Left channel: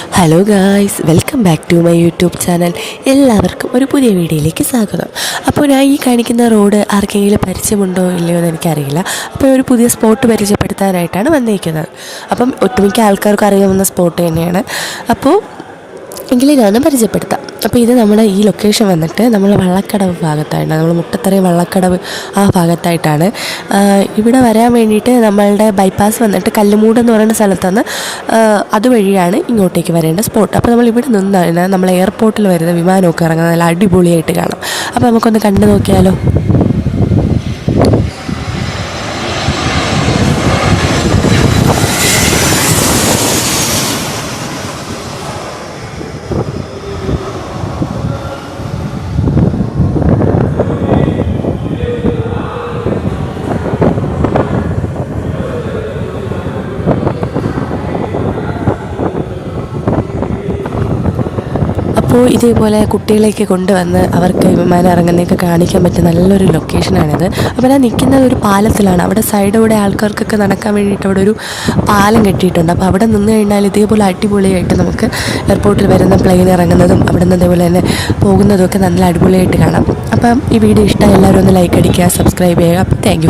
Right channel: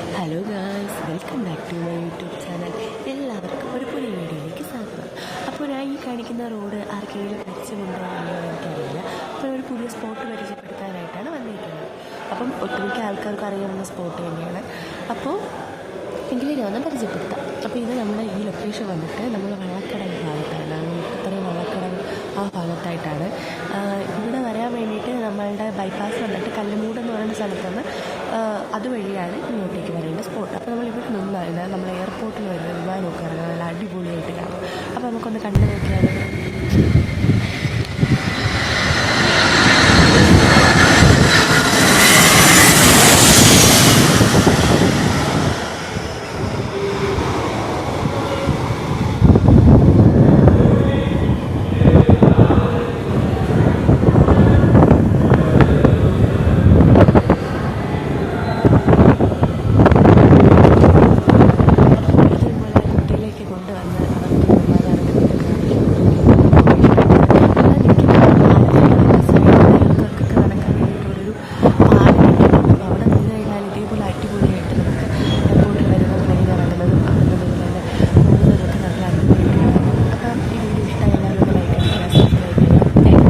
Hello guys, welcome back to my YouTube channel. എല്ലാവർക്കും ഒരു പുതിയ വീഡിയോയിലേക്ക് സ്വാഗതം. അപ്പോൾ ഞാൻ ഈ കാണിക്കുന്ന റോഡ് ആർക്കെങ്കിലും പരിചയമുണ്ടോ ഇല്ലയോ എന്ന് എനിക്കറിയില്ല. അപ്പോൾ ഒരു പുതിയ സ്പോട്ട് പരിചയപ്പെടുത്താനായിട്ടാണ് വന്നിരിക്കുന്നത്. അപ്പം ഒട്ടുമിക്ക ആൾക്കാർക്കും അറിയാവുന്ന സ്പോട്ട് തന്നെയാണ്. അപ്പോൾ എങ്കിലും ഞാൻ പരിചയപ്പെടുത്താം. അപ്പോൾ ഇത് നമ്മുടെ ഈ ലൊക്കേഷൻ വന്നിട്ട് നമ്മൾ വള്ളക്കടവ് ഭാഗത്തായിട്ടാണ്, നമ്മൾ മുട്ടത്തറ വള്ളക്കടവ് ആ ഭാഗത്തായിട്ടാണ്. ഇവിടെ വരാൻ വേണ്ടിയിട്ട് നമ്മളുടെ ബൈപ്പാസ് വന്നിട്ട് കല്ലുമൂട് എന്ന് പറയുന്ന സ്ഥലത്തുനിന്ന് അതുവഴിയാണ് ഇങ്ങോട്ടേക്ക് വരേണ്ട സ്പോട്ട്. അപ്പോൾ നമ്മൾ ഇവിടെ നിന്നാണ് നമ്മൾ എയർപോർട്ടിൽ വരുന്ന വിമാനമൊക്കെ ഇറങ്ങുന്നത് നല്ല അടിപൊളിയായിട്ട് കാണാം. അപ്പോൾ നമുക്കൊന്ന് കണ്ടു നോക്കിയാലോ. അപ്പോൾ ഇതേപോലെ കുട്ടികളെയൊക്കെ കൊണ്ടുവന്ന് അവർക്ക് വിമാനം ഇറങ്ങുന്നതൊക്കെ കാണിക്കാൻ പറ്റിയ നല്ലൊരു ലൊക്കേഷനാണിത്. അപ്പോൾ ഞാൻ നിൽക്കുന്നത് ഒരു പാലത്തിലാണ്. അവിടെ സൈഡോടെ ആൾക്കാർക്കൊക്കെ നടക്കാൻ വേണ്ടിയിട്ട് അവിടെ ഒരു പാലം കെട്ടിയിട്ടുണ്ട്. അപ്പോൾ അവിടെ നിന്ന് കഴിഞ്ഞാൽ ഇതേപോലെ അടിപൊളിയായിട്ട് നമുക്ക് എയർപോർട്ടിൽ വരുന്ന പ്ലെയിൻ ഇറങ്ങുന്നതും അവിടെ നിന്ന് ഇതേപോലെ തന്നെ പോകുന്നതും ഒക്കെ നല്ല അടിപൊളിയായിട്ട് കാണാം. അപ്പം ഈ വീഡിയോ ഇഷ്ടമായി എല്ലാവരും ഒന്ന് ലൈക്ക് അടിക്കുക, സബ്സ്ക്രൈബ് ചെയ്യുക. Thank you.